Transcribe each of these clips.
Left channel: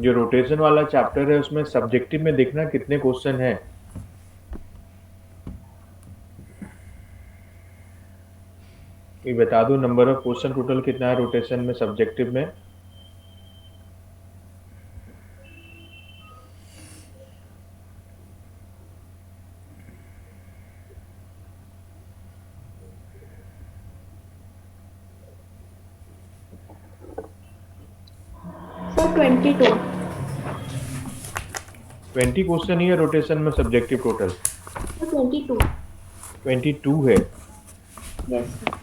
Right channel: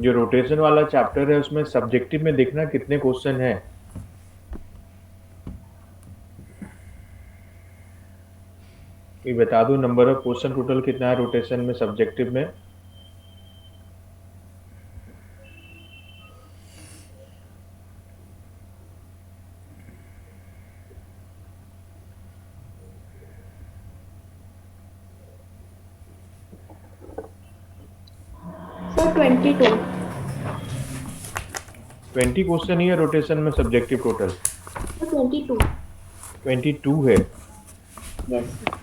जो रोटेशन वाला चैप्टर है उसमें सब्जेक्टिव में देखना कितने क्वेश्चन है। ये बता दो, नंबर ऑफ क्वेश्चन टोटल कितना है रोटेशन में, सब्जेक्टिव में। सर 22। 20 क्वेश्चन ही है रोटेशन में सब्जेक्टिव टोटल। सर 22। 22 है। Yes sir.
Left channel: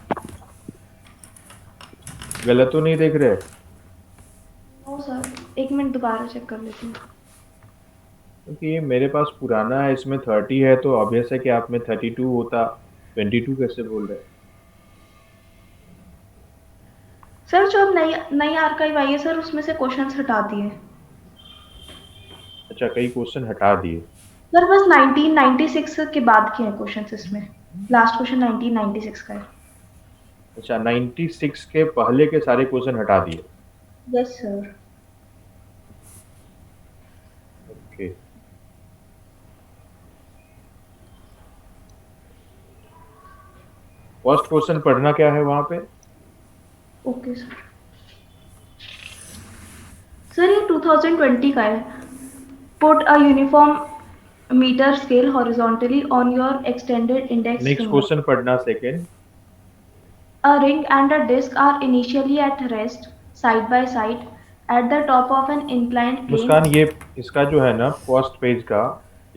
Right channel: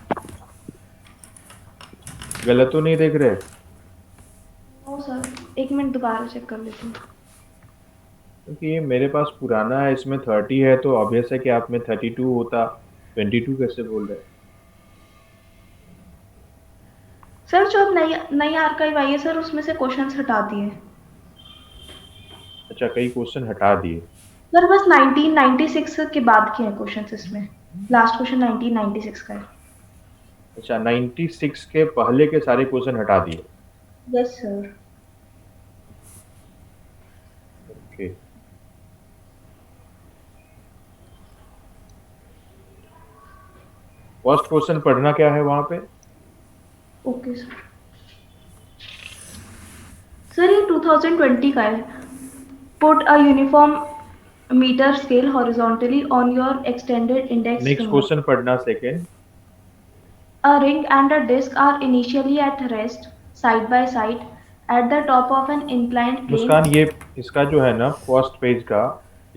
गलत तो नहीं देख रहे? नो सर, एक मिनट दोबारा चेक कर लेती हूँ। क्योंकि ये मेरे पास पुराना है, इसमें 30 है, तो ऑब्वियस है कि आप में 32 होता। 22 कैसे बोल रहे हैं? सर जो अब नई नई आर्काइव आई है सर, उसमें से क्वेश्चंस हटा दिए। अच्छा, कई क्वेश्चन हटा दिए। सर बस 1996 के बाद के हैं क्वेश्चंस इसमें। लास्ट क्वेश्चन 1996 का है। अच्छा, 96 के पहले के सारे क्वेश्चन हटा दिए। Yes sir. Okay. First question पढ़ना क्या है वहां पे? Okay sir. सर ये 2020 का है। Put a uniform metre scale horizontally on your extended index next finger. Question पढ़ना, second. A ring and a disc are initially at rest side by side at the top of an inclined Muskan, plane. ये इसका जो है ना first page का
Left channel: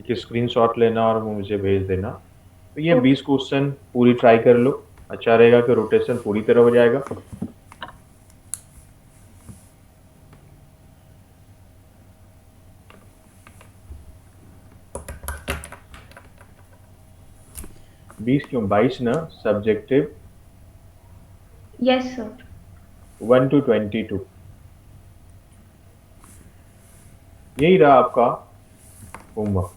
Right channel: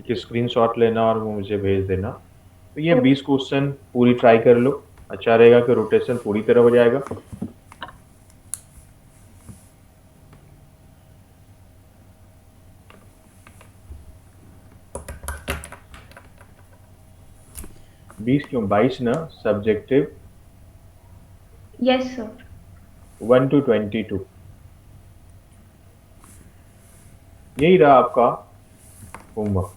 एक screenshot लेना और वो मुझे भेज देना। तो ये ओके। 20 क्वेश्चन पूरी ट्राई कर लो। अच्छा रहेगा कि रोटेशन पूरी तरह हो जाएगा। 20 क्यों, 22 ना। Subjective yes sir. 1 to 22, यही रहा आपका होमवर्क।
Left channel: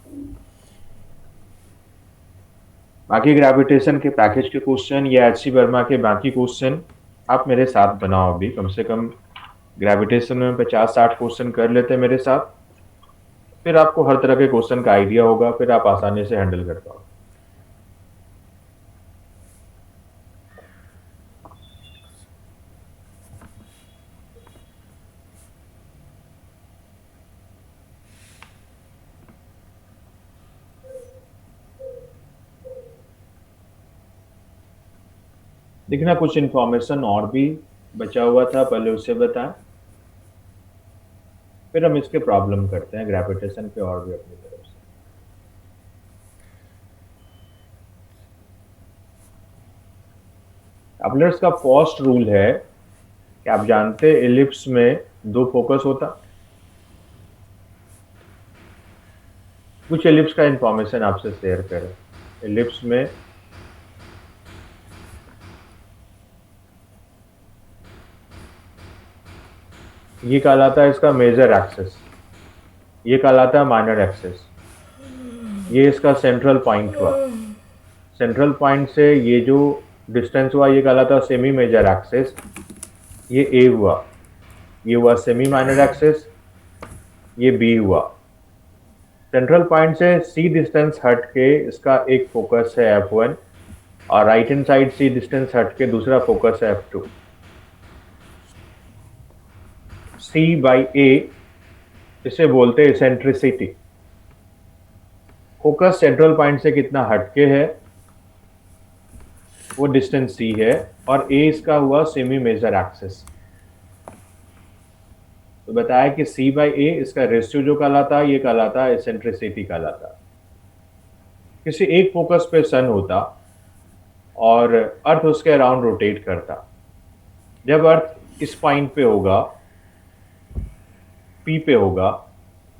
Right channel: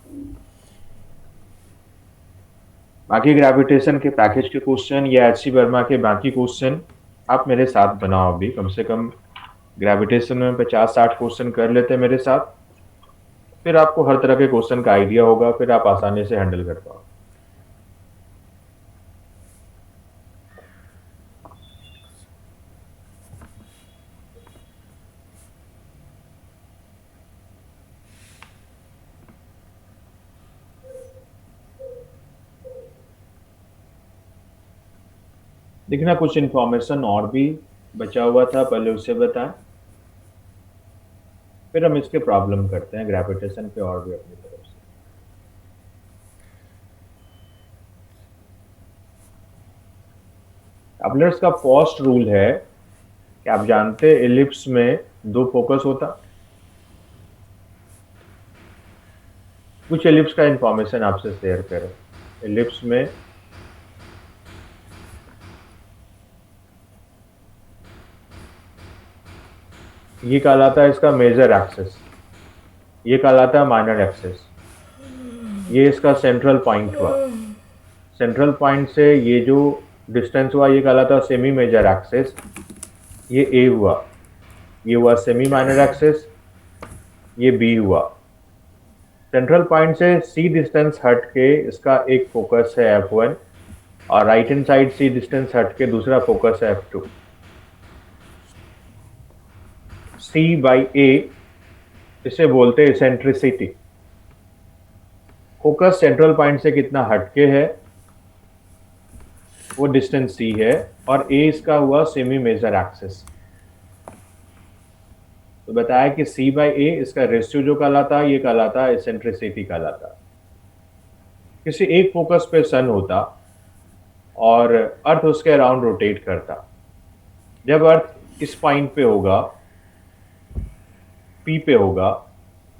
बाकी ग्रेविटेशन के पैकेज के क्वेश्चन या एच सी वर्मा के बाकी क्वेश्चन आप मेरे साथ बनाओ। अभी कम से कम ग्रेविटेशन में 50-60 क्वेश्चन कर लेते मेरे साथ। फिर आपको हर तरह के क्वेश्चन का आइडिया होगा, फिर आप आसानी से हैंडल कर पाओगे। देखना कुछ इन्फॉर्मेशन और भी बचा हुआ था, पहले उसे बताएं, फिर हम इसके प्रॉब्लम करते हैं ग्रेविटेशन पे और भी अपनी तरफ से। अपलर्स का फर्स्ट रूल है कि आप जानते हैं एलिप्स में दो फोकस होता। कुछ एलिप्स का इंफॉर्मेशन आपसे शेयर करें। एलिप्स में ये कहलाता है इसका मेजर एक्सेस, ये कहलाता है माइनर एक्सेस, ये इसका सेंट्रल पॉइंट हुआ। सेंट्रल पॉइंट से ये जो डिस्टेंस हुआ ये कहलाता है सेमी मेजर एक्सेस। ये ए हुआ, ये हुआ सेमी माइनर एक्सेस, ये बी हुआ। सेंट्रल पॉइंट से सी डिस्टेंस हट के इसका एक फोकस है F1, और राइट हैंड साइड सी डिस्टेंस हट के दूसरा फोकस है F2। सी बाई ए इसे बोलते हैं इसेंट्रिसिटी। फोकस सेंट्रल पॉइंट से कितना हटके है वो डिस्टेंस सी है, और ए इसका हुआ सेमी मेजर एक्सेस। तो बताया कि सी बाई ए इसका रेशियो जो कहलाता है ये कहलाता है इसेंट्रिसिटी कहलाता है। किसी एक फोकस पे सन होता और अर्थ उसके अराउंड रोटेट करता। जब अर्थ इस पॉइंट पे होगा, पी पे होगा,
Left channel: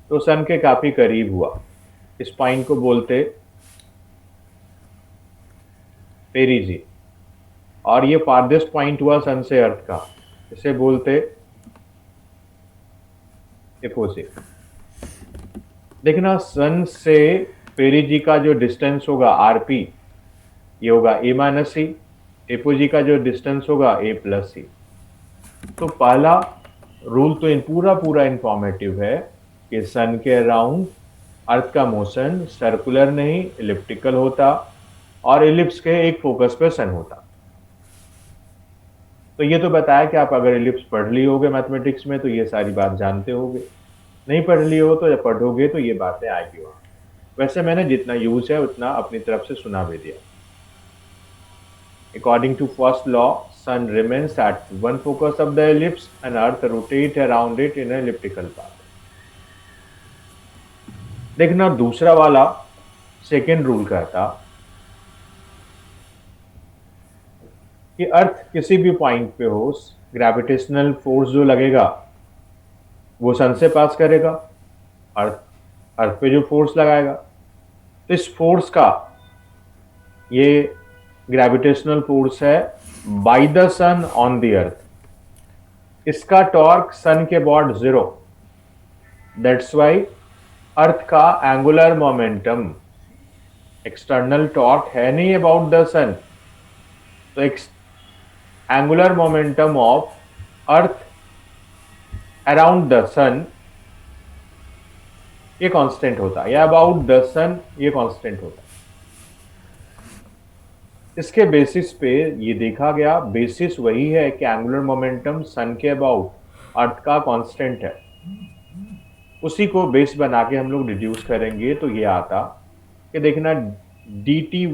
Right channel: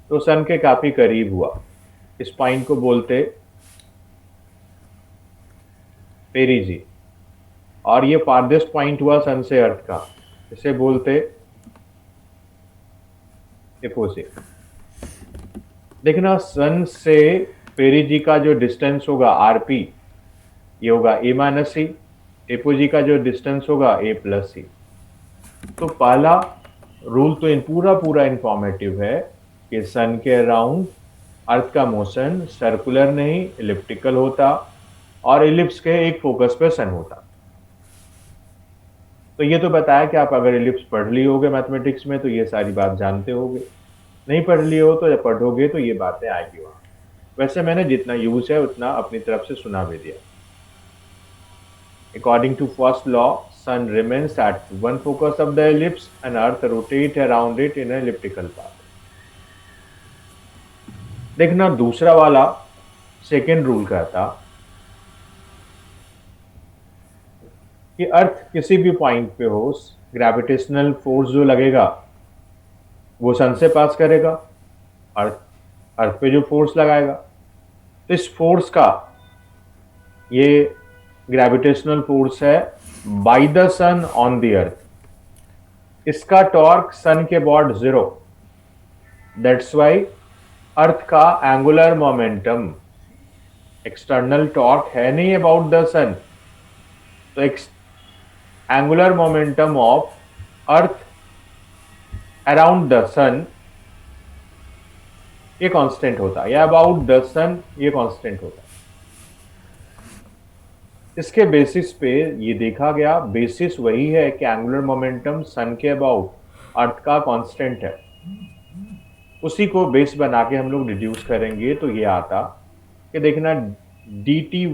तो सन के काफी करीब हुआ। इस पॉइंट को बोलते पेरिजी, और ये फारदेस्ट पॉइंट हुआ सन से अर्थ का, इसे बोलते एपोसी। देखना सन से पेरिजी का जो डिस्टेंस होगा आरपी, ये होगा ए माइनस सी। एपोजी का जो डिस्टेंस होगा ए प्लस सी। तो पहला रूल तो इन पूरा पूरा इंफॉर्मेटिव है कि सन के अराउंड अर्थ का मोशन सर्कुलर नहीं इलिप्टिकल होता और इलिप्स के एक फोकस पे सन होता। तो ये तो बताया कि आप अगर इलिप्स पढ़ ली होगे मैथमेटिक्स में तो ये सारी बात जानते होगे, नहीं पढ़ ली हो तो जब पढ़ोगे तो ये बातें आएगी वहां। वैसे मैंने जितना यूज है उतना अपनी तरफ से सुना भी दिया। According to first law, Sun remains at one focus of the ellipse and Earth rotates around it in an elliptical path. देखना दूसरा वाला सेकेंड रूल कहता कि अर्थ किसी भी पॉइंट पे हो, ग्रेविटेशनल फोर्स जो लगेगा वो सन से पास करेगा, अर्थ अर्थ पे जो फोर्स लगाएगा तो इस फोर्स का, ये ग्रेविटेशनल फोर्स है by the sun on the earth, इसका टॉर्क सन के अबाउट 0। दैट्स वाई अर्थ का एंगुलर मोमेंटम एक्सटर्नल टॉर्क है नहीं अबाउट द सन, तो angular momentum of earth around the sun ये कांस्टेंट होता है, या अबाउट द सन ये कांस्टेंट होता है। इसके बेसिस पे ये देखा गया, बेसिस वही है कि एंगुलर मोमेंटम सन के अबाउट अर्थ का कांस्टेंट है, उसी को बेस बना के हम लोग रिड्यूस करेंगे तो ये आता कि देखना D T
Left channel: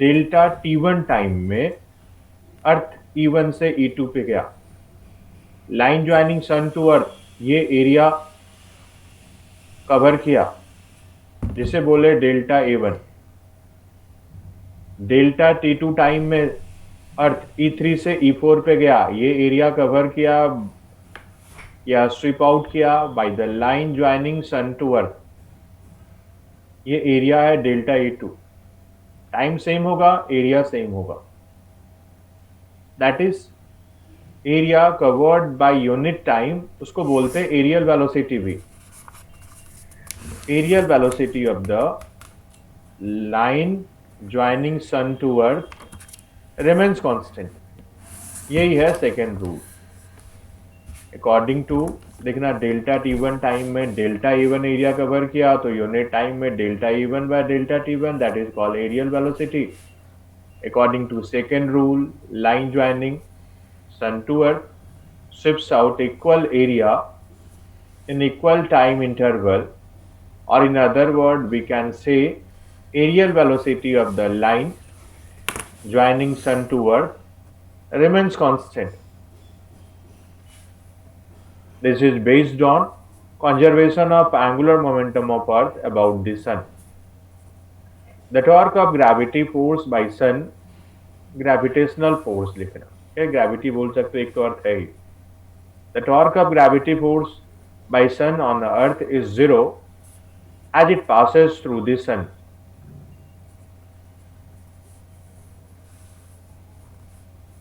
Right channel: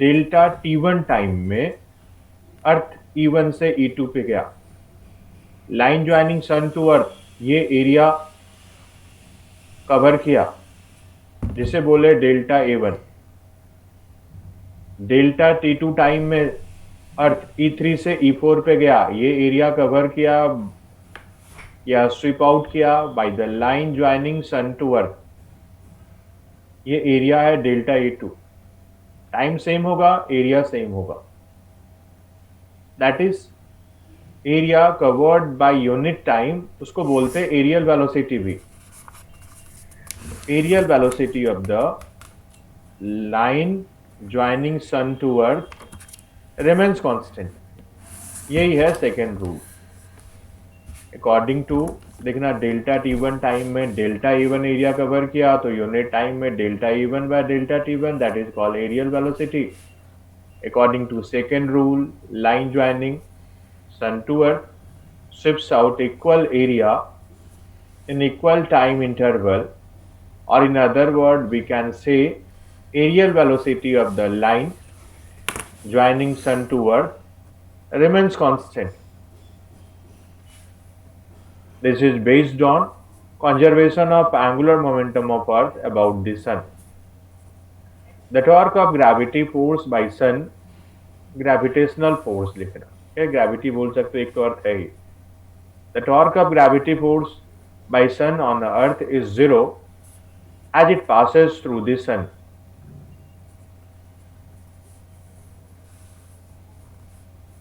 delta T1 time में अर्थ E1 से E2 पे गया, line joining sun to earth ये एरिया कवर किया जिसे बोले delta A1। Delta T2 time में अर्थ E3 से E4 पे गया, ये एरिया कवर किया या स्वीप आउट किया by the line joining sun to earth, ये एरिया है डेल्टा E2। टाइम सेम होगा, एरिया सेम होगा, that is area covered by unit time, उसको बोलते हैं एरियल वेलोसिटी भी। Areal velocity of the line joining sun to earth remains constant, यही है सेकेंड रूल। अकॉर्डिंग टू देखना डेल्टा T1 टाइम में डेल्टा E1 एरिया कवर किया तो यूनिट टाइम में delta E1 by delta T1 that is called areal velocity. According to second rule, line joining sun to earth ships out equal area in equal time interval, or in other word we can say aerial velocity of the line joining sun to earth remains constant. This is based on conservation of angular momentum of earth about the sun. The torque of gravity force by sun, gravitational force लिखना, क्या gravity बोल सकते, एक तो अर्थ है ही। The torque of gravity force by sun on the earth is 0 as it passes through the sun.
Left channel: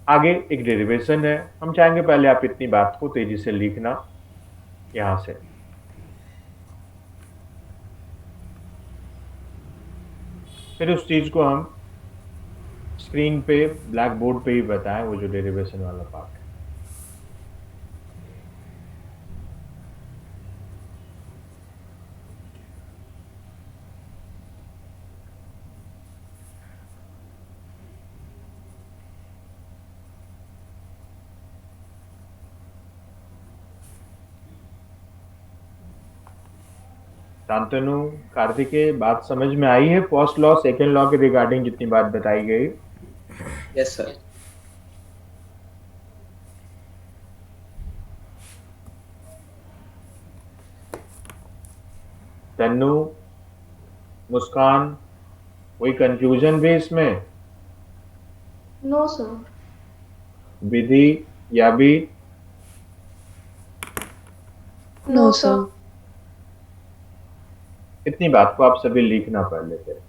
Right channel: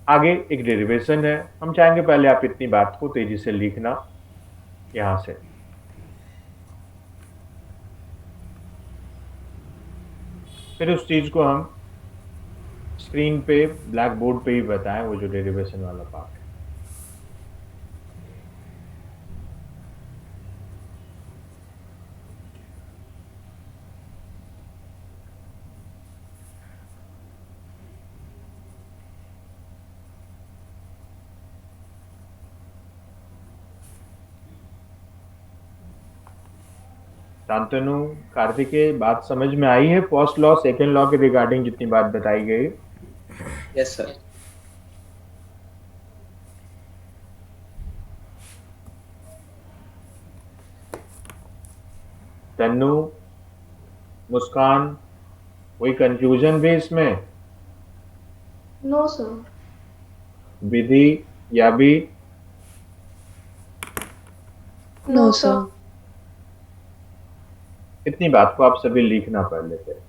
आगे एक derivation है, हम चाहेंगे पहले आप इतनी बात को तेजी से लिखना यहां से। फिर उस चीज को हम स्क्रीन पे ब्लैक बोर्ड पे ही बताएं, वो जो डेरिवेशन वाला पार्ट है। शांतनु, कार्तिकेय, बात समझ में आई है? फर्स्ट लॉ सेकेंड लॉ के रिगार्डिंग जितनी बात बताई गई। Yes sir. तन्नू, मुस्कान, कोई कंफ्यूजन भी इसमें? No sir. विधि या भी? No sir. इतनी बात को आप सभी लिखना पहले से।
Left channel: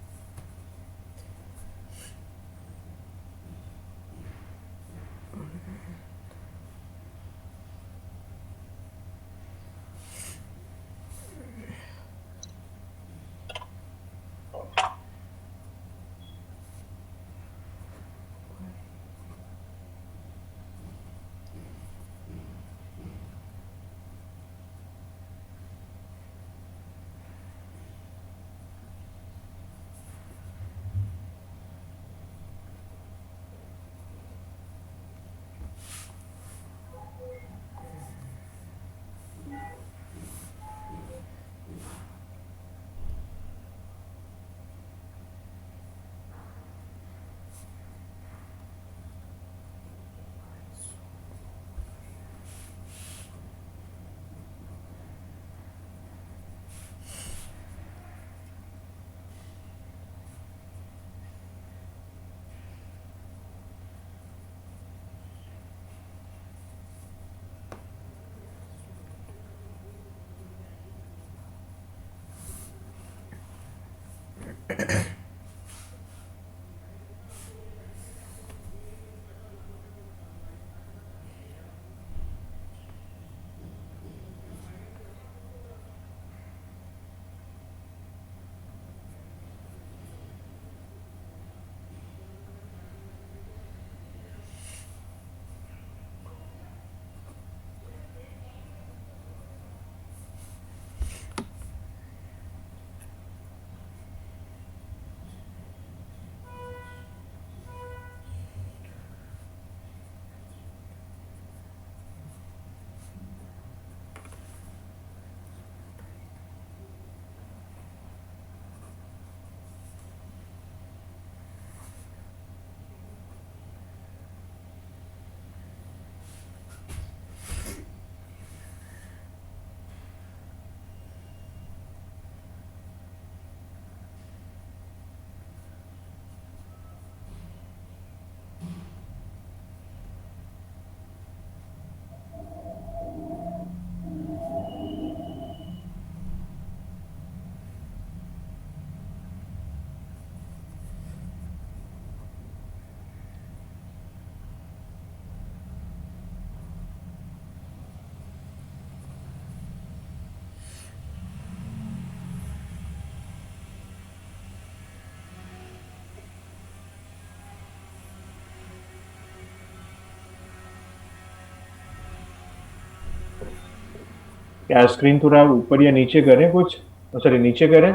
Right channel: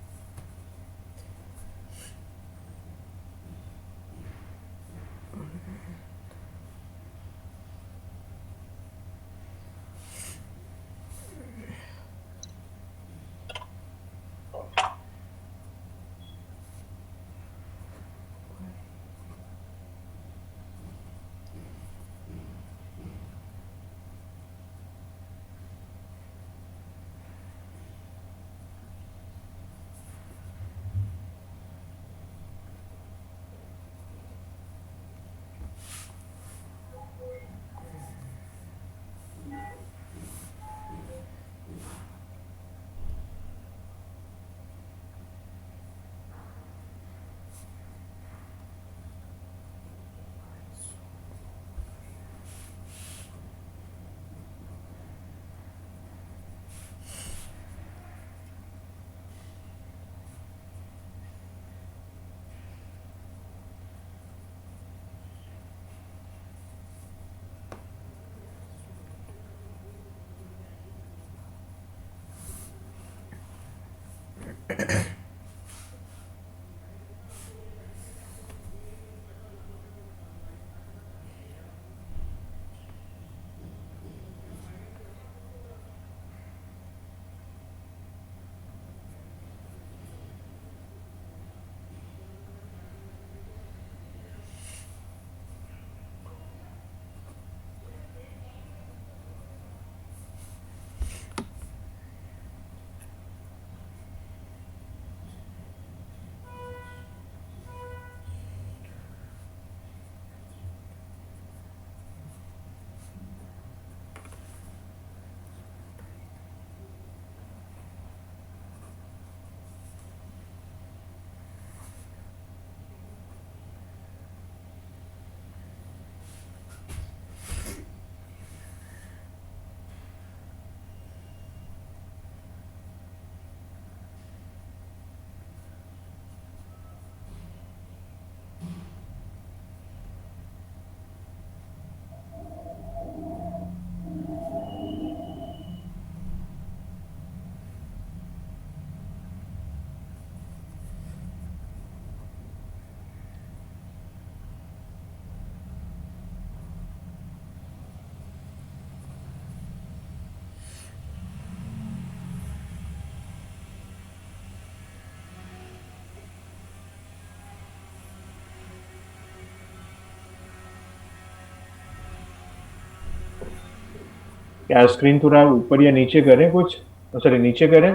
क्या स्क्रीन थोड़ा ऊपर या नीचे करें कुछ? सॉरी, नीचे करें?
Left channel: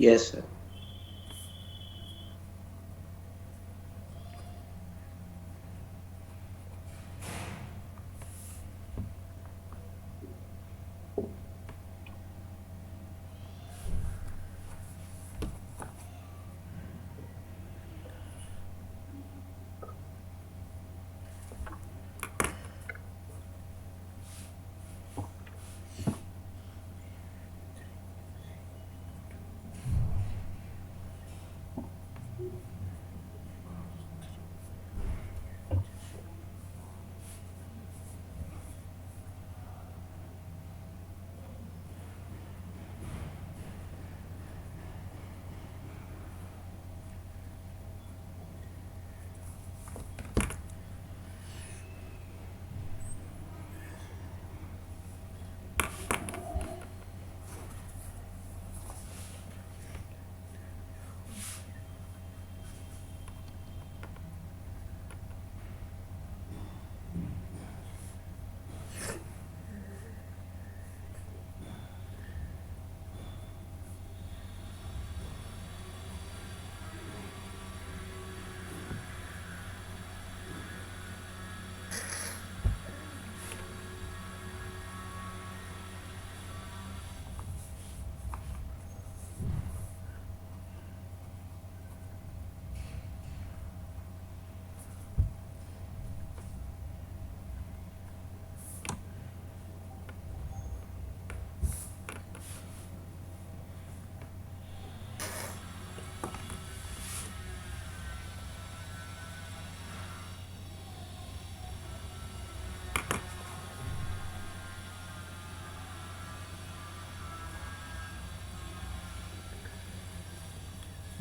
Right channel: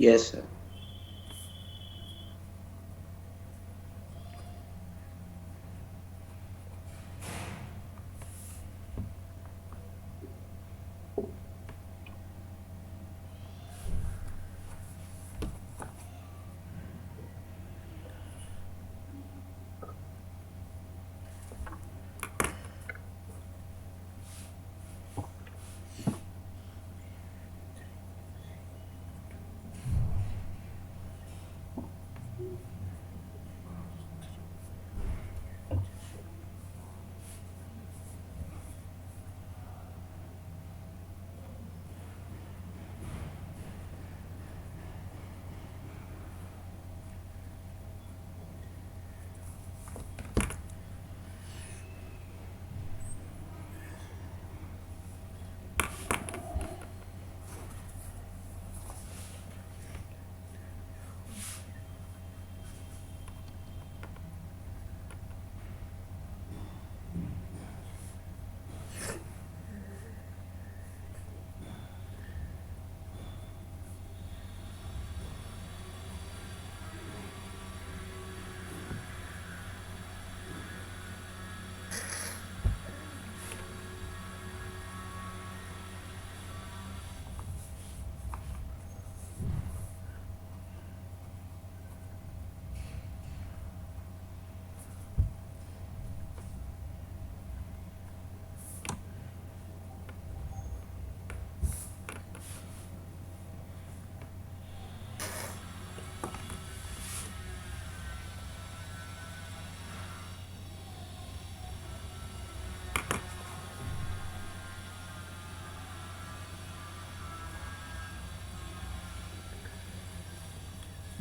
Yes, sir.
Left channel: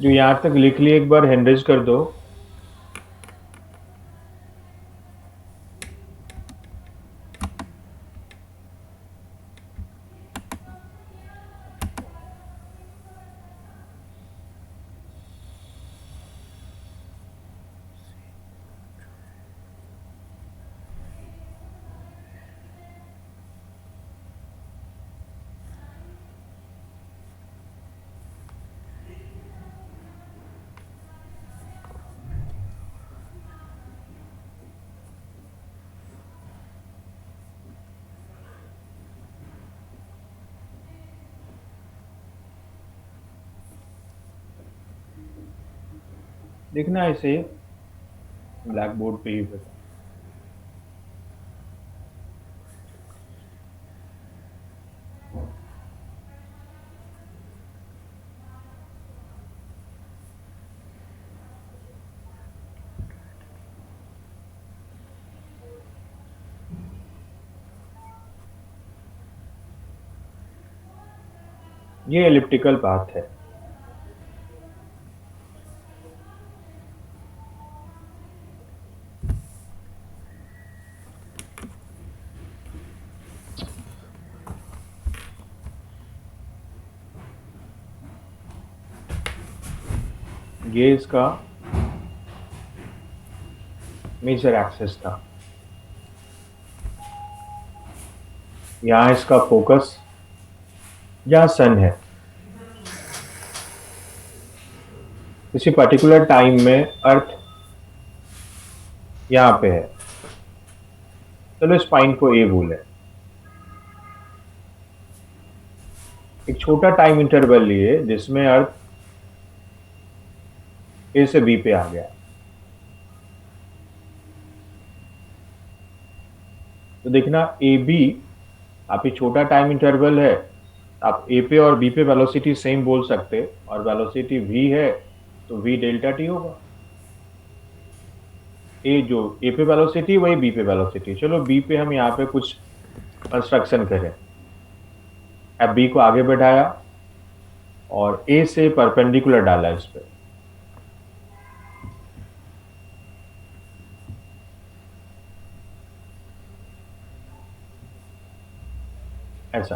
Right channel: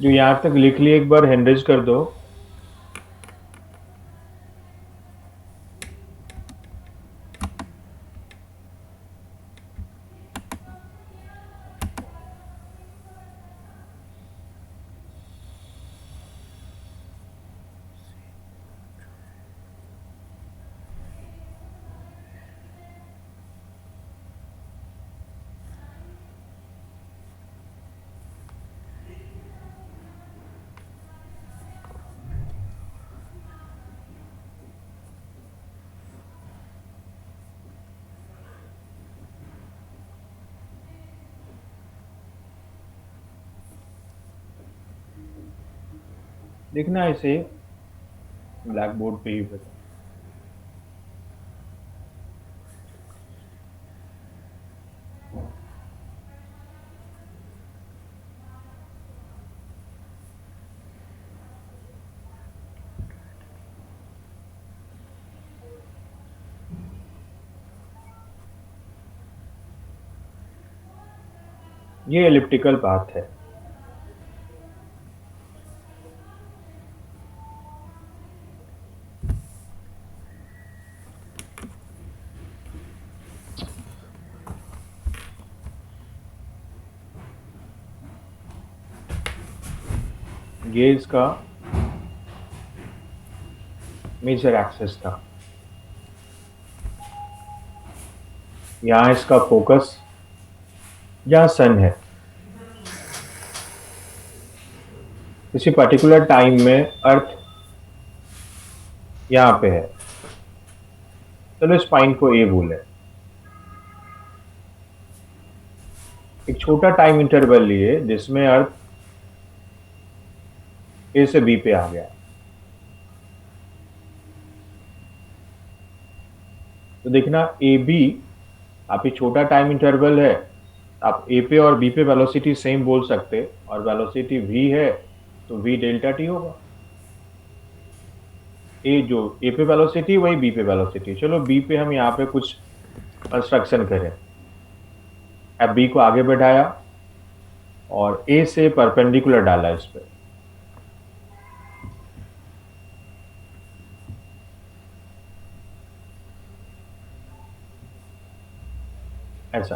जो यहाँ तक लिख लिए एक बार हैंड रेज कर दो। लिखना है ऐसे ब्लैक बोर्ड पे ही फिर। ये एलिप्टिकल पाथ है। ये इसका मेजर एक्सिस था। यहाँ इसका फोकस यहाँ सन है। किसी पर्टिकुलर टाइम में अर्थ यहाँ पे है। चलो इस पॉइंट को ए बोले। एक छोटा टाइम इंटरवल लिए जिसमें अर्थ ए से बी पे आ गया। तो देखना ए बी, आप ये छोटा टाइम इंटरवल है, आप ए पे और बी पे वेलोसिटी सेम बोल सकते, और वेलोसिटी v है तो v डेल्टा टी होगा। ए जो ए पे वेलोसिटी वही बी पे वेलोसिटी। चलो बी पे हम यहाँ पे कुछ कंस्ट्रक्शन करें। अब बी को आगे बढ़ाया और ए से परपेंडिकुलर डाला इस पे। ऐसा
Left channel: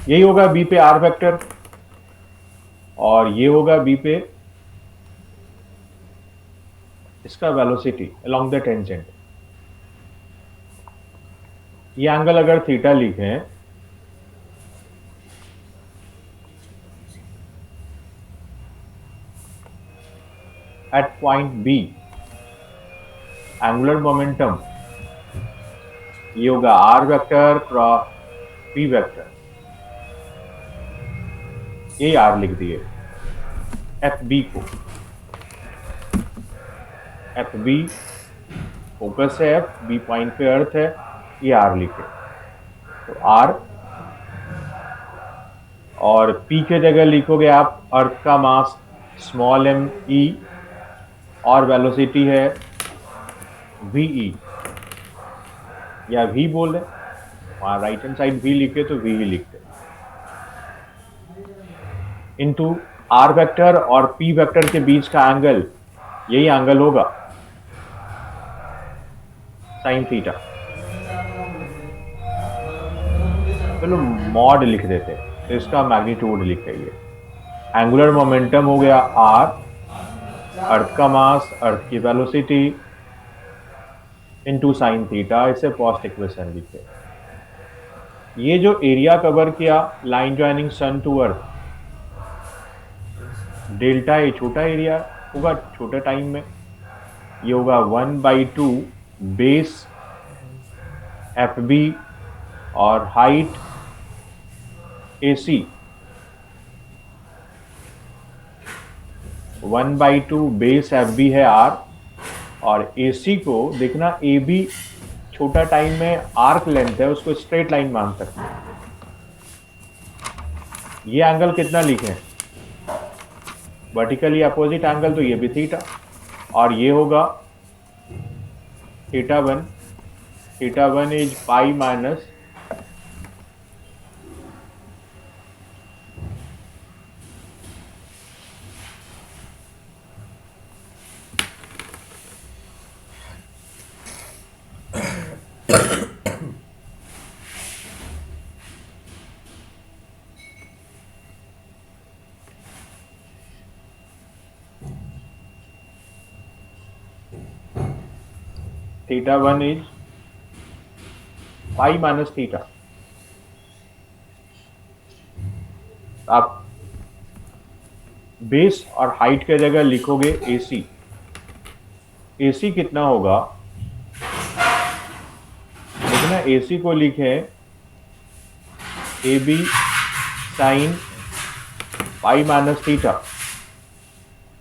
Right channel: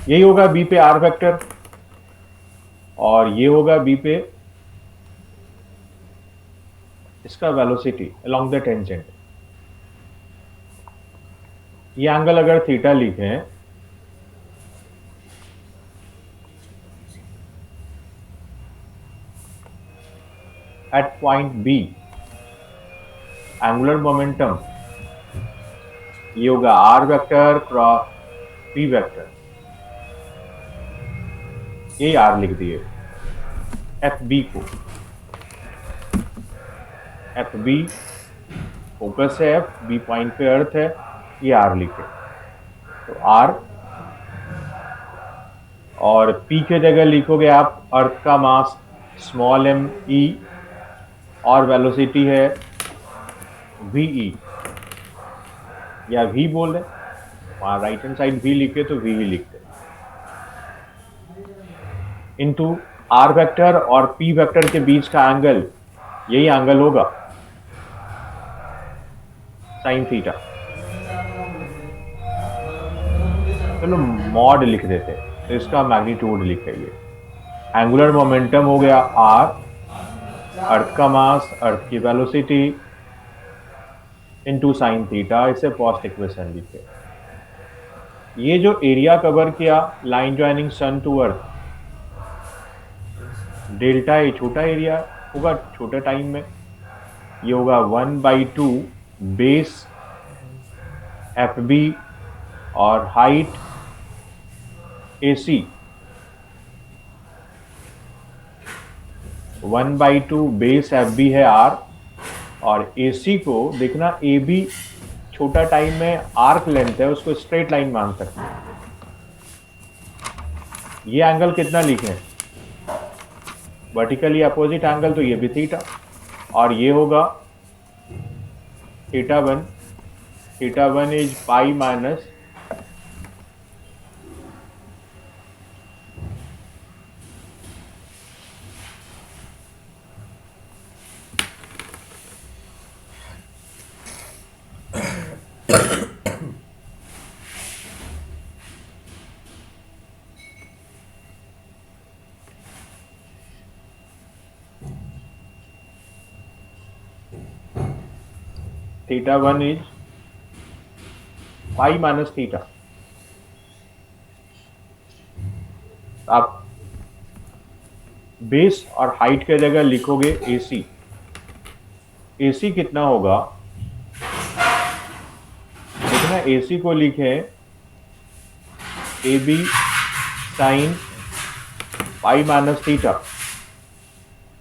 यही होगा बी पे आर वेक्टर, और ये होगा बी पे इसका वेलोसिटी अलोंग द टेंजेंट। ये एंगल अगर थीटा लिखें at point B, angular momentum ये होगा r vector cross p vector. ये आर लिख दिए। एफ बी को, एफ बी फोकस है, एफ बी पॉइंट पे अर्थ है, ये आर लिखे। तो आर, और पी के जगह लिखोगे आप अर्थ का मास स्मॉल एम ई, और वेलोसिटी है वी ई, या वी बोले, वहां राइट हैंड साइड वी लिखे तो वी ही लिखते, इनटू आर वेक्टर और पी वेक्टर के बीच का एंगल, यही एंगल होगा साइन थीटा। चलो मॉड लिख देते, तो इसका मैग्नीट्यूड लिखे। ये एंगुलर मोमेंटम हो गया आर, अर्थ का मास, अर्थ की वेलोसिटी, इनटू साइन थीटा। इसे फर्स्ट इक्वेशन लिखे। ये जो एरिया कवर किया line joining sun to earth, delta A छोटा एरिया होगा छोटे टाइम में, ये होगा 1/2 बेस एफ बी और height A C. 1/2 base F B है आर, और ए सी को देखना ए बी छोटा टाइम में आर्क लेंथ है, उसको स्ट्रेट लाइन मान सकते हैं। ये एंगल कितना लिखे, वर्टिकली अपोजिट एंगल, तो ये भी थीटा, और ये होगा theta one. Theta one is pi minus theta one is pi minus theta. आप बेस और हाइट के जगह लिखोगे AC। AC कितना होगा, देखना AC को लिखे AB sine pi minus theta.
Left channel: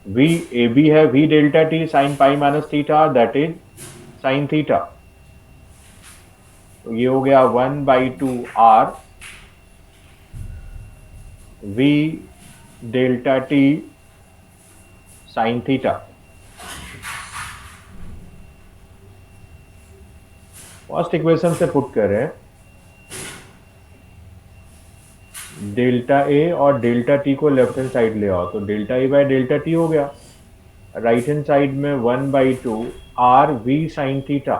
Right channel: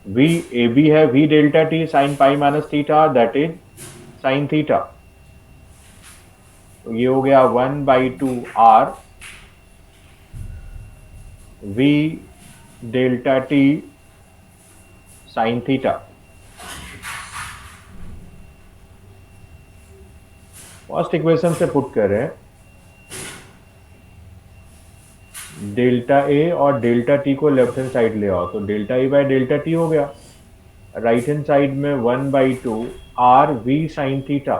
V AB है V delta t sine pi minus theta, that is sine theta. तो ये हो गया 1/2 R V delta t sine theta. First equation से पुट करें डेल्टा ए और डेल्टा टी को left hand side ले आओ तो delta a by delta t हो गया। राइट हैंड साइड में 1/2 r v sine theta,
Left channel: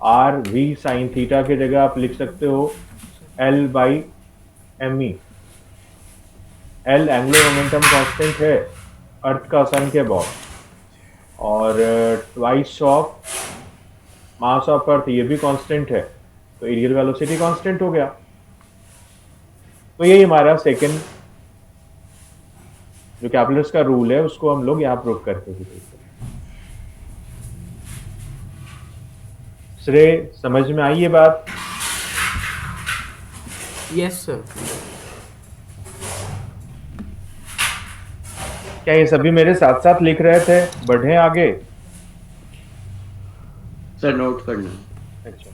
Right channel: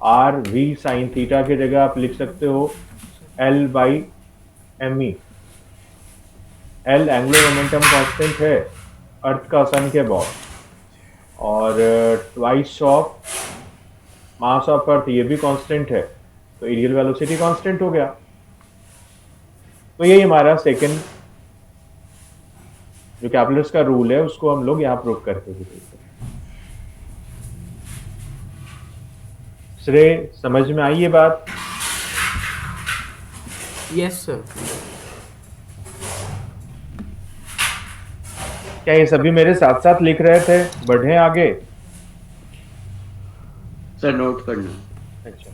r v sine theta की जगह आप लिख सकते हो L by M E. L angular momentum constant है अर्थ का सन के अबाउट, और twice of mass of earth ये भी कांस्टेंट है, तो एरियल वेलोसिटी कांस्टेंट हो गया। तो यही हमारा सेकंड जो कैपलर्स का रूल है उसको हम लोग यहाँ प्रूव करके भी देखते हैं। श्रेय, समझ में आई ये बात? Yes sir. क्या ये सभी मेरे साथ साथ लिख रहे थे? बढ़े आगे। सर नोट करना। अच्छा,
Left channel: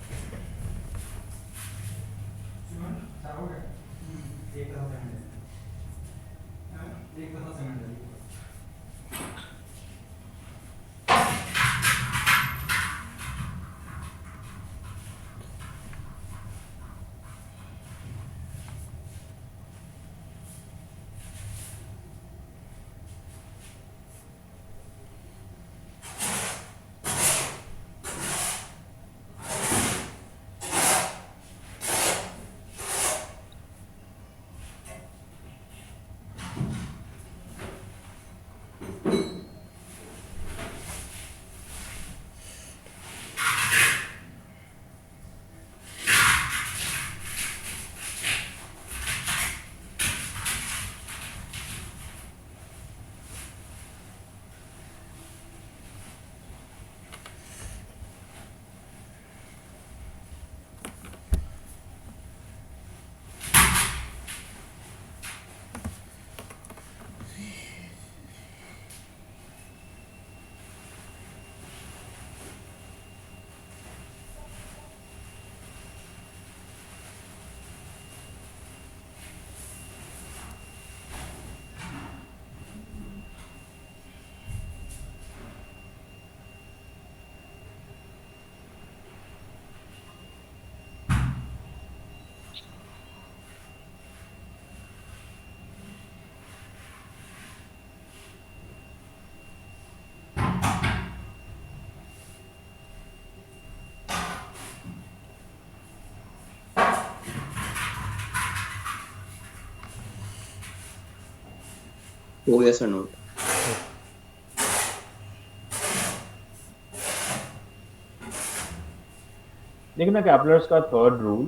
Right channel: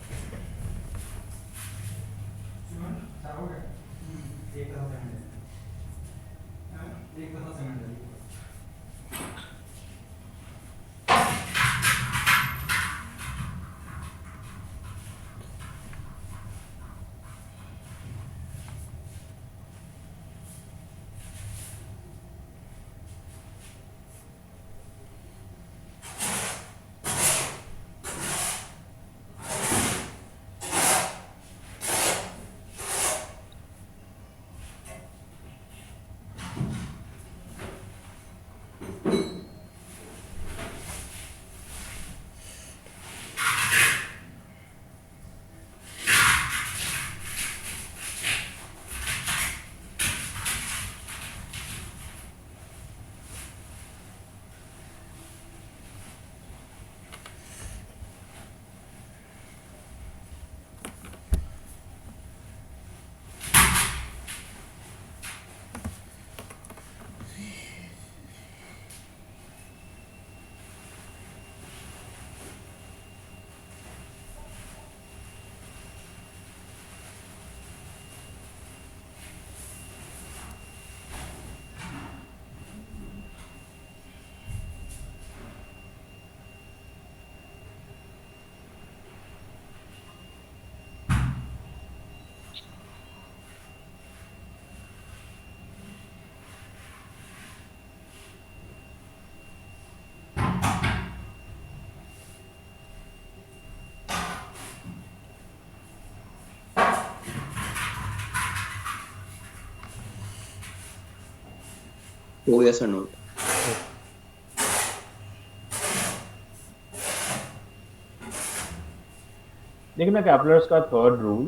हो गया सर नोट। देखना कैपलर्स का थर्ड रूल,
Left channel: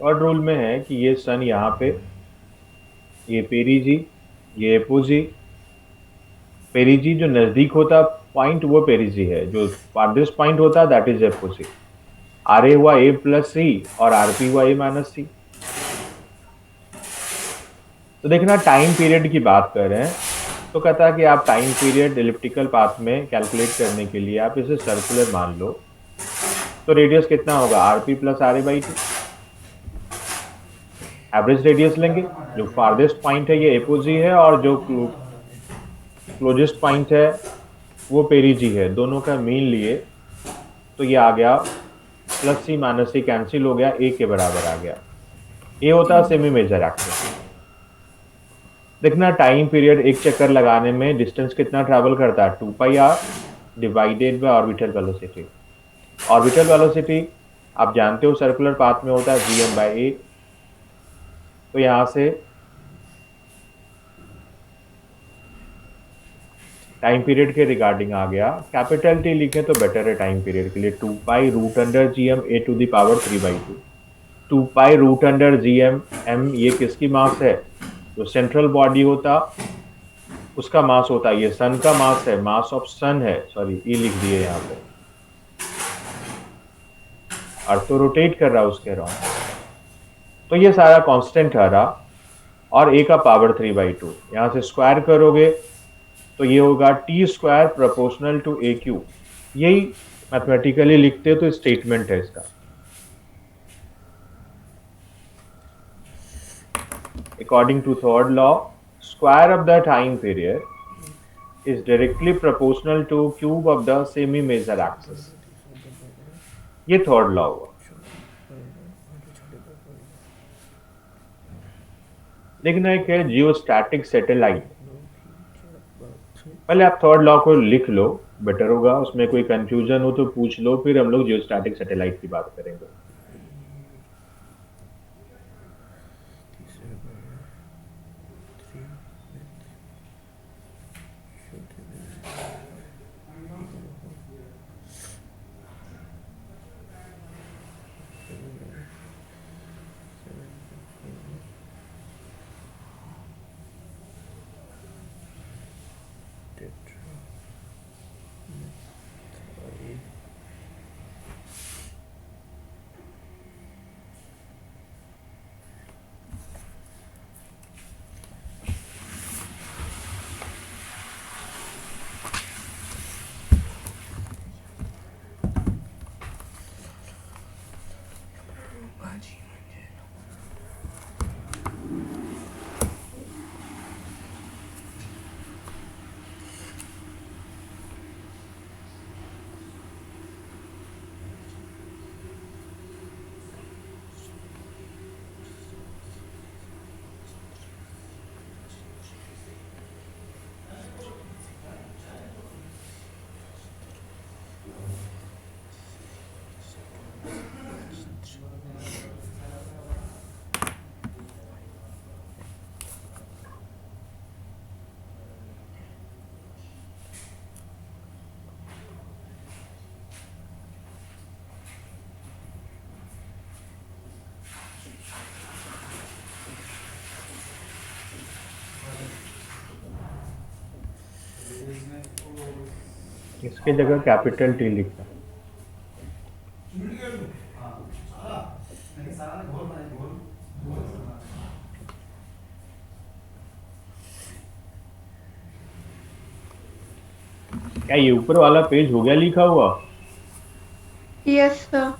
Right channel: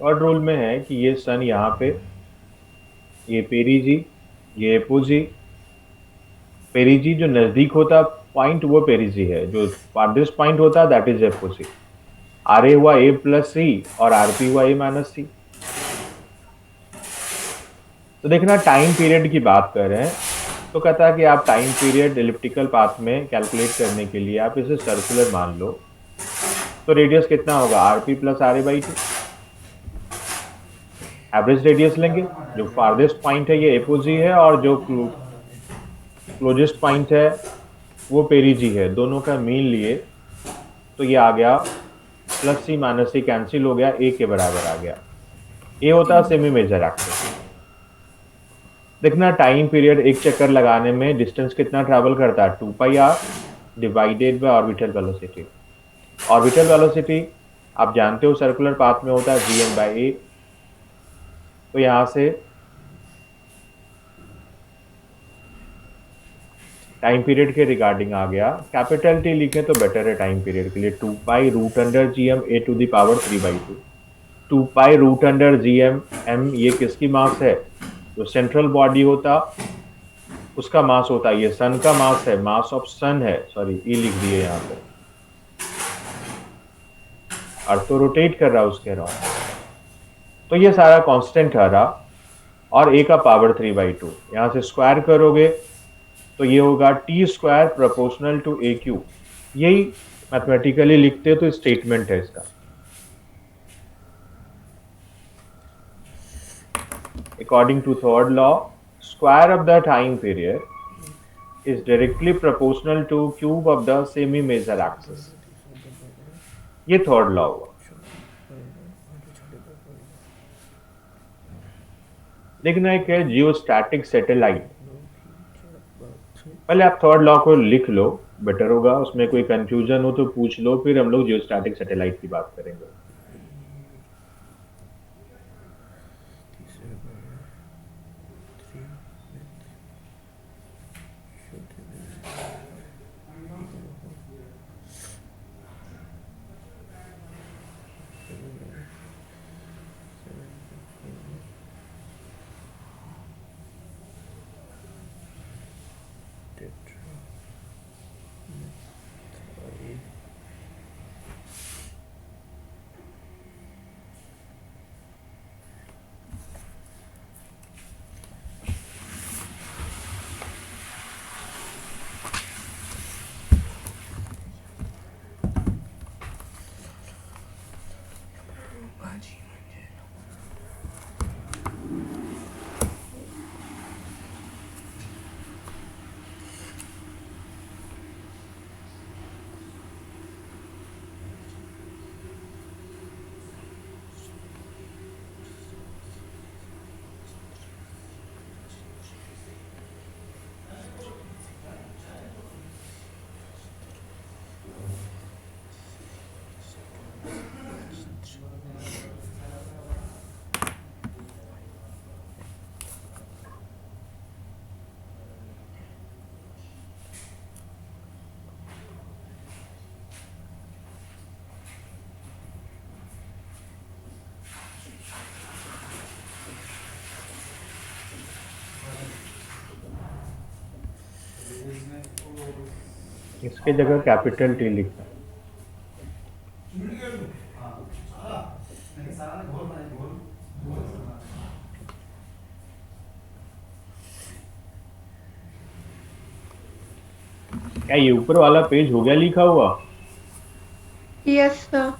थर्ड रूल में है कि ये सन यहाँ पे, ये पेरीजी, ये एपोजी। पेरीजी जो नजदीक होता पॉइंट वो पेरीजी है, जो फारदेस्ट पॉइंट होता that is apogee. R A हुआ ए प्लस सी और आर पी हुआ ए माइनस सी। तो देखना टाइम पीरियड की बात कर रहे हैं तो कहता है कि आप टाइम पीरियड एलिप्टिकल पाथ में कैलकुलेट करने के लिए आप इसे सर्कुलर मान लो, तो रेडियस कितना होगा r p plus r a by two. Average radius लेंगे, जो फारदेस्ट पॉइंट है ये एपोजी है और जो क्लोजेस्ट पॉइंट है वो पेरीजी है, दोनों का मीन लिए तो ये आ गया प्लस सी माइनस सी कैंसिल हो गया, ए के बराबर आ गया। ये होता है सेमी मेजर एक्सिस। देखना टाइम पीरियड एक चक्कर लगाने में डिस्टेंस कितना ट्रैवल करता है, 2πr divided by orbital velocity. Orbital velocity आप जानते हो सर्कुलर पाथ में होता है vm/a। तो यहां से टाइम पीरियड के रिगार्डिंग आ गया, कैपिटल टी लिखें तो बेटर है टाइम पीरियड के लिए, 2π√gm a⁵ 2π√gm m ये किसकी मास है, जो सेंट्रल बॉडी होता उसका मास होता है, ये सन का मास है, मास ऑफ सन है, सॉरी ये लिख दिए यहाँ पे, और तो रोटेट कर रहा है उसके अराउंड। तो ये सारा कांस्टेंट आ रहा और a का पावर 3/2, यहाँ से स्क्वायर करोगे तो ये होगा t² प्रोपोर्शनल टू AQ। यही मैथमेटिकली लिखते हो तो स्टेटमेंट है इसका। According to third law square of the time period is directly proportional to cube of the semi major axis. ये थर्ड लॉ हुआ. देखना एक है जियोस्टैटिक सैटेलाइट. पहले आप थर्ड लॉ को लिख लो, बेटर होगा. उसमें कोई कंफ्यूजन हो तो पूछ लो, फिर हम लोग जियोस्टैटिक सैटेलाइट की बात करेंगे. इसके जगह कैपिटल टी लिखना. क्या ये ऊपर वाला पेज हो गया लिखा हुआ? Yes sir.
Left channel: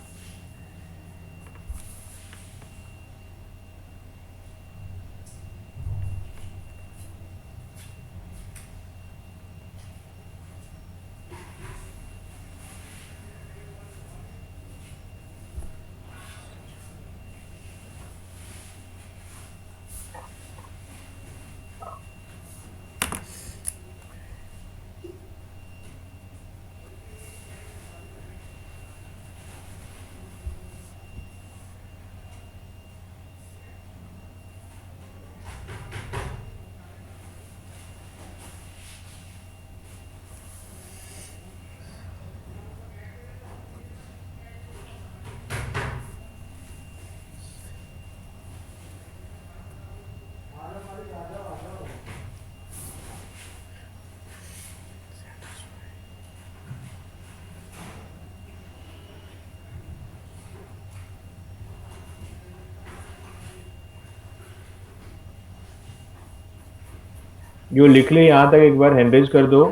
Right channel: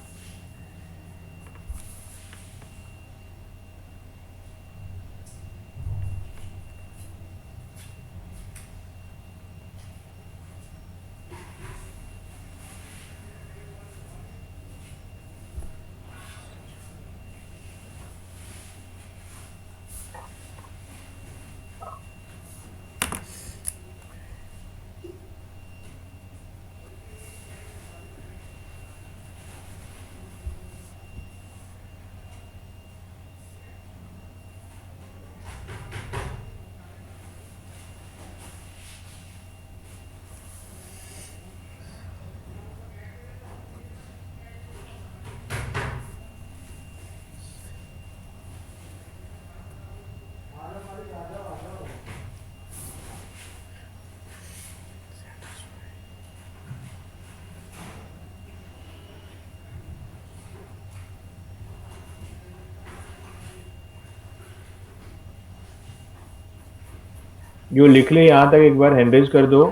जो लिख ले यहां तक एक बार हैंडरेज कर दो.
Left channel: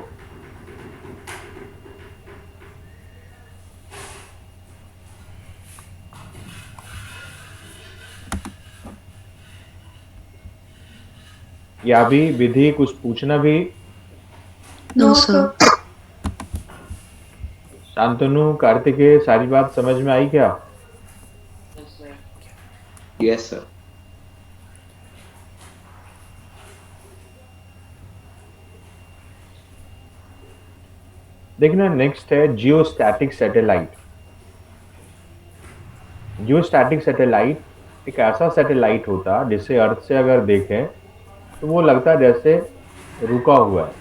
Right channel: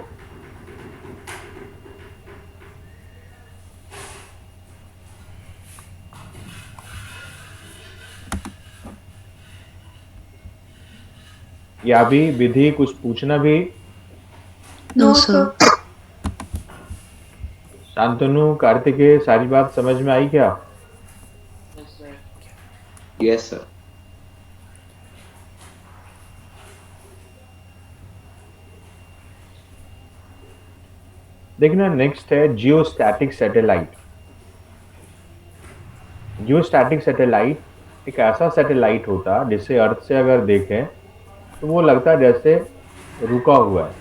या भी विधि कुछ पूछना भी? No sir. शांतनु, कार्तिकेय, सारी बात समझ में आई क्या? Yes, sir. देखना नेक्स्ट है जियोस्टैटिक सैटेलाइट. जियोस्टैटिक सैटेलाइट एक ऐसा सैटेलाइट होता जिसे अर्थ से अगर देखें तो वो लगता है जैसे रुका हुआ है.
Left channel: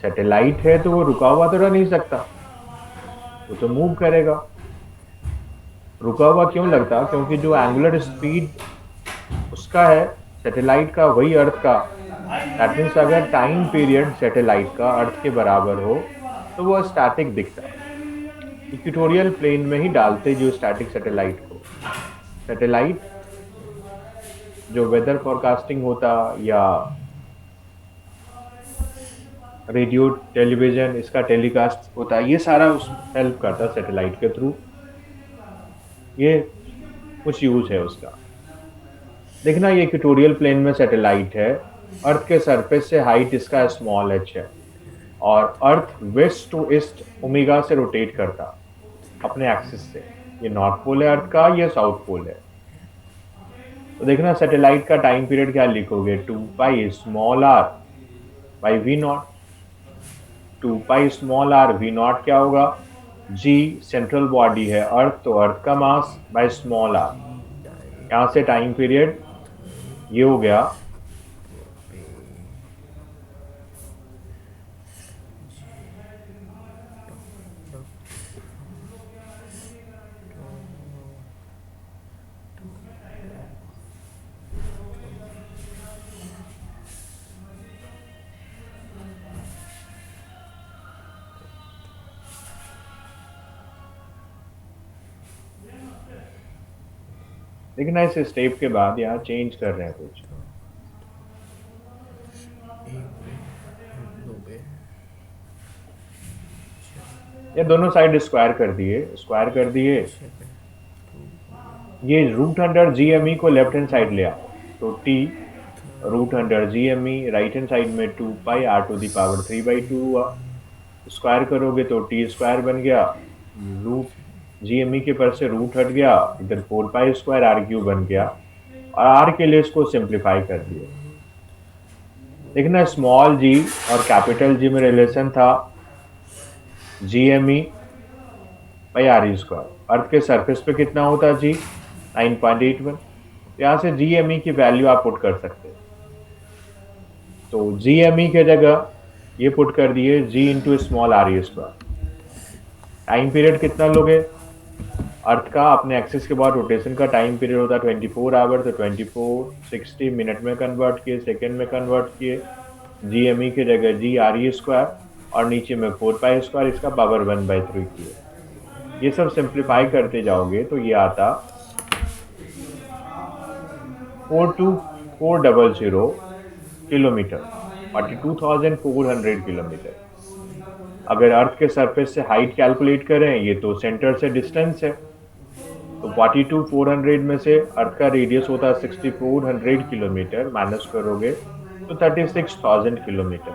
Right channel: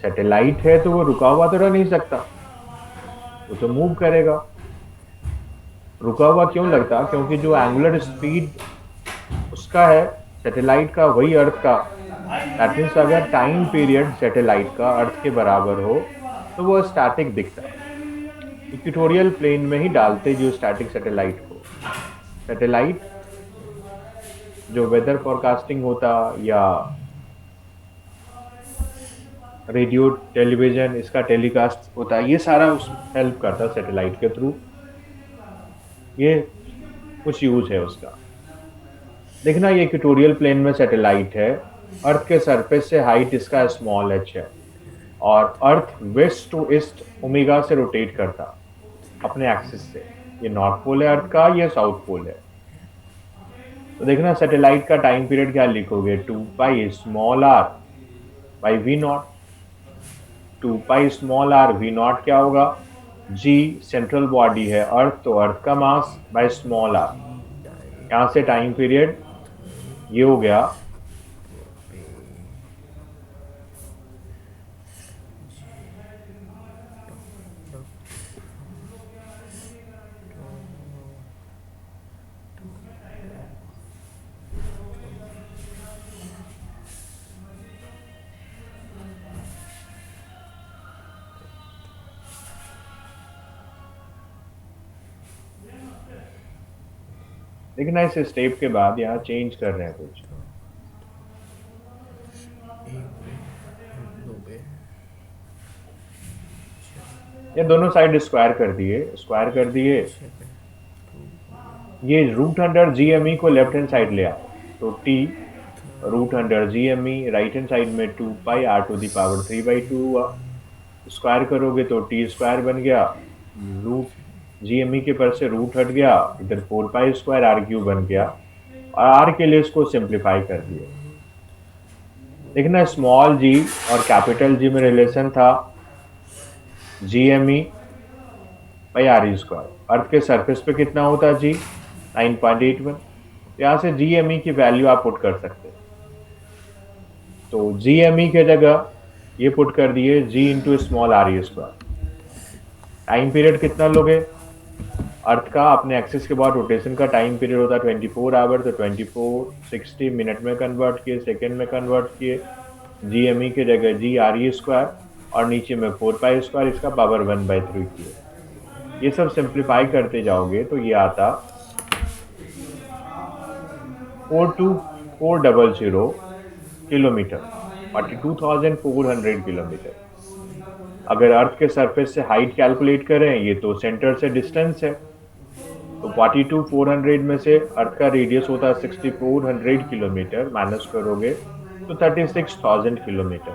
सैटेलाइट है तो वो रुका हुआ तो रह नहीं सकता, वो तो मूव करेगा. रुका हुआ क्यों लगता? क्योंकि जो एंगुलर स्पीड उसका है सैटेलाइट का वही अर्थ का. दैट मीन्स अगर टाइम पीरियड सैटेलाइट का अर्थ के बराबर हो तो वो स्टैटिक दिखता है. इक्वेटोरियल प्लेन में ही डालते जो स्टैटिक सैटेलाइट को. सैटेलाइट जो वेदर फोरकास्टिंग होता या रेडियो टेलीविजन इसका टेलीकास्ट होता है, ये सारा उस हेल्प करता है सैटेलाइट के थ्रू. ये कुछ यूज है उसका. देखना ये इक्वेटोरियल प्लेन में सैटेलाइट है, अर्थ के सरफेस से हाइट इसका स्मॉल h है और अर्थ वेस्ट टू ईस्ट ओमेगा से रोटेट करता अपने एक्सिस से। ये नॉर्थ पोल है अर्थ का, ये साउथ पोल है। तो देखना सैटेलाइट का टाइम पीरियड क्या लिखोगे, 2 pi small r by v naught. 2 pi small r v naught क्या होगा, g सेंट्रल बॉडी है अर्थ, तो अर्थ का मास बाय स्मॉल r। यहाँ से टाइम पीरियड ये हो गया लेकिन इस स्टेप के बाद यहाँ चेंज कर रहे हैं कुछ। ये दोनों साइड स्क्वायर कर दिए। ये root under g M e को लेफ्ट हैंड साइड ले आओ, तो t root under g M e, right hand side में 2 pi r to the power 3/2 हुआ। स्क्वायर करोगे तो टी स्क्वायर बन गया, रूट जी एम ई के पर से रूट हट गया, इधर 4 पाई स्क्वायर r क्यूब बन गया और r के लिए इसको सिंप्लीफाई कर दिए। देखना स्मॉल g और कैपिटल G में रिलेशन था G M E by r square. Earth के सरफेस पे कितना होता जी, 9.81। यहाँ से जी एम ई की वैल्यू आप पुट कर सकते हैं, तो जी एम ई के जगह ये पुट कर दिए g into small r square. Time period कितना लोगे, अर्थ का अपने एक्सिस के बाद रोटेशन का टाइम पीरियड होता है 24 आवर, तो 24 60 मिनट में कन्वर्ट किए, सेकेंड में कन्वर्ट किए, जी एम ई की जगह जी r स्क्वायर और नीचे में 4 पाई स्क्वायर, इसका पावर 1/3 किए। ये सब सिंप्लीफाई करते जाओगे तो ये आता 42400 किलोमीटर, 42,400 किलोमीटर। अगर अर्थ के सरफेस से हाइट कैलकुलेट करें, ये तो सेंटर से डिस्टेंस है, तो 42,400 में से अर्थ का रेडियस होता है 6,400 किलोमीटर, माइनस करोगे तो 36,000 किलोमीटर।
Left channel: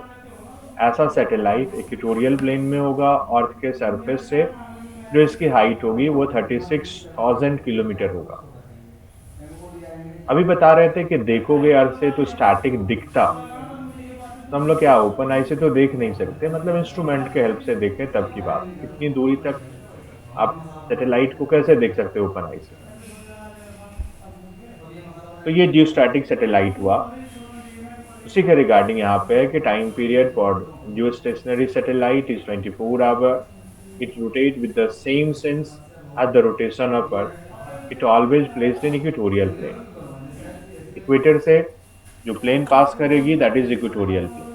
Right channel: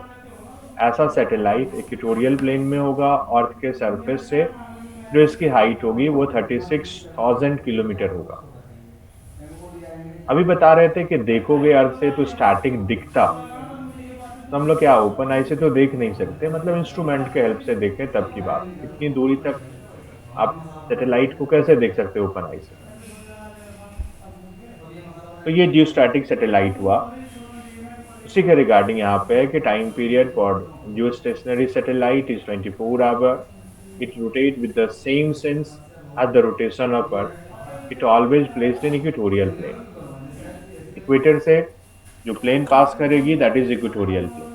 ऐसा सैटेलाइट इक्वेटोरियल प्लेन में होगा, अर्थ के सरफेस से जो इसकी हाइट होगी वो 36,000 किलोमीटर होगा। अभी बता रहे थे कि देखोगे अर्थ से तो स्टैटिक दिखता, तो हम लोग क्या ओपन आई से तो देख नहीं सकते, मतलब इंस्ट्रूमेंट के हेल्प से देखें तब की बात। कितनी दूरी तक आप सैटेलाइट को कैसे देख सकते हो ओपन आई से। तो ये जियोस्टैटिक सैटेलाइट हुआ। उसी के रिगार्डिंग यहाँ पे है कि time period for geostationary satellite is 24 hour. It rotates with the same sense as the rotation of Earth. It always placed in equatorial plane. Equator से जो प्लेन पास करेगी that is equatorial plane.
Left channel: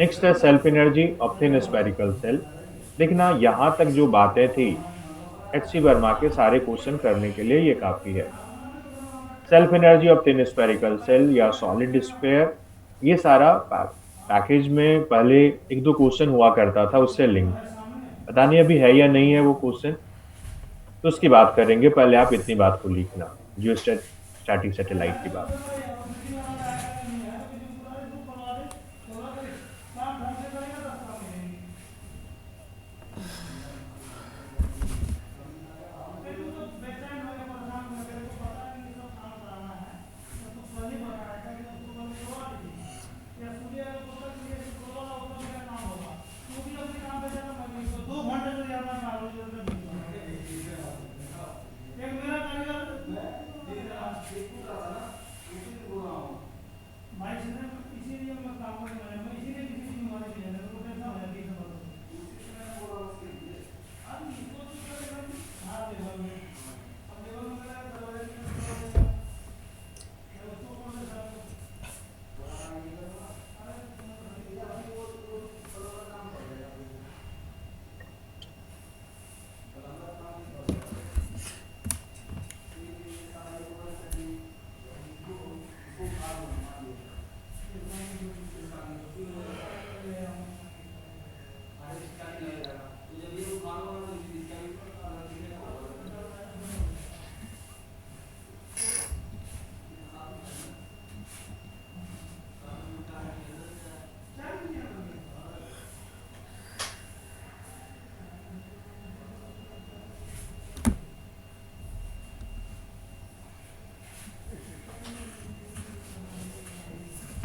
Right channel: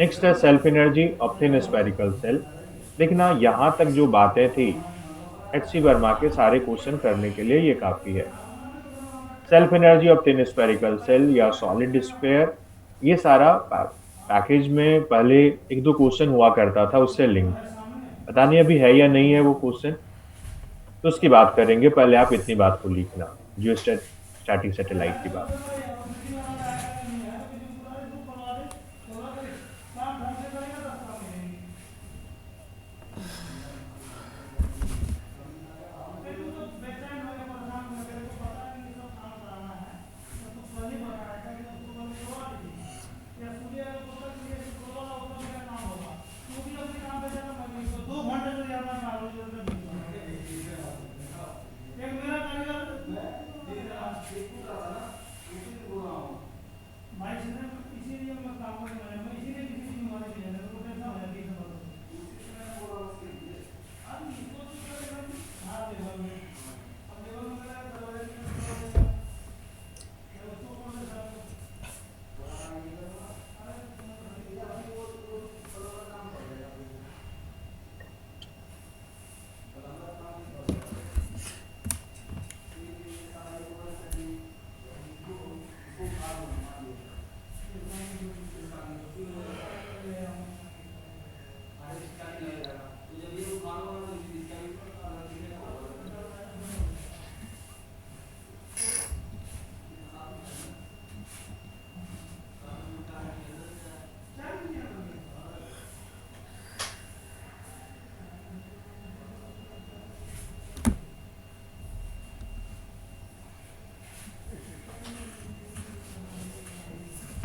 Next है self energy of thin spherical shell. देखना यहाँ तक जो बातें थी HC वर्मा के सारे क्वेश्चन करने के लिए ये काफी है। Self energy of thin spherical cell या सॉलिड स्फीयर, ये सारा पैकेज में पहले 1-2 क्वेश्चन हुआ करता था, उससे लिंक पता नहीं अभी है या नहीं है वो क्वेश्चन, तो उसकी बात करेंगे। पहले आप इतनी बात को लिखना, जियोस्टैटिक सैटेलाइट की बात।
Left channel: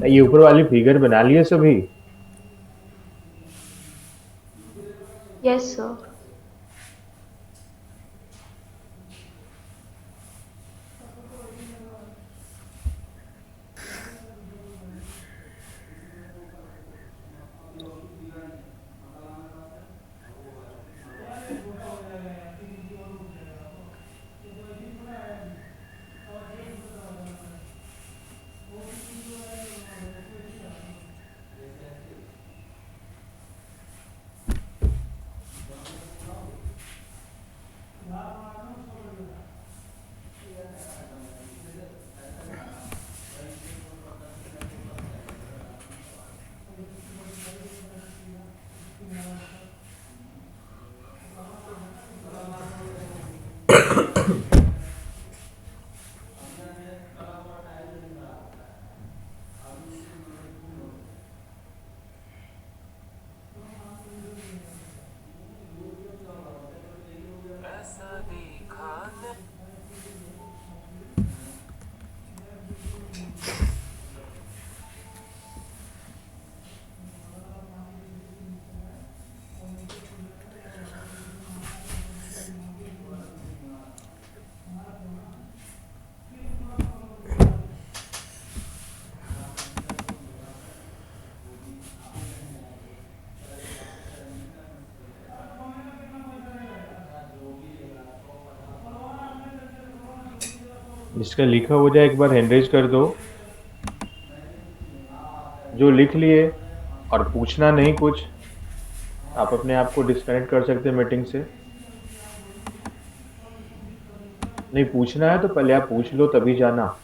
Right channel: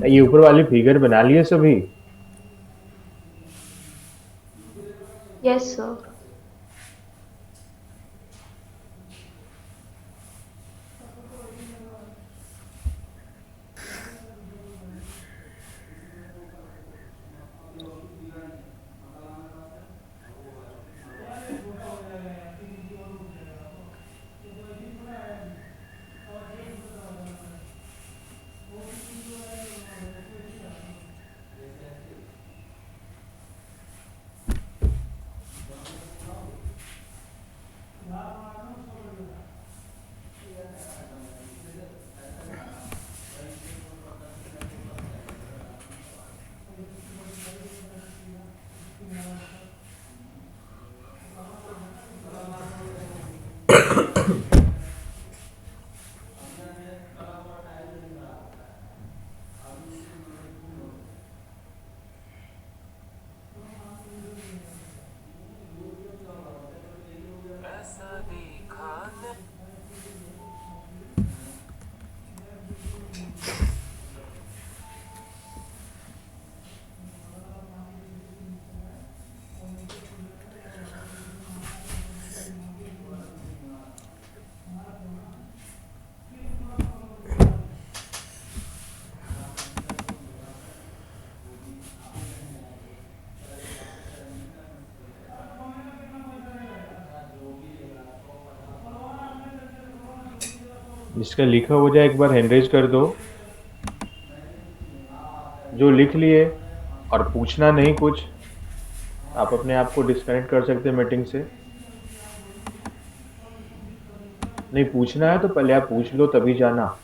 ये ऊपर वाली फिगर बना लिए सभी? Yes, sir. जिसका लिखा हो जाए एक बार हैंड रेज कर दो। जो लिख लिए और पूछना नहीं कुछ, आप अपने आप को डिस्कनेक्ट कर सकते हैं मीटिंग से। नहीं पूछना है तो पहले आप पूछ लो, तभी जाना।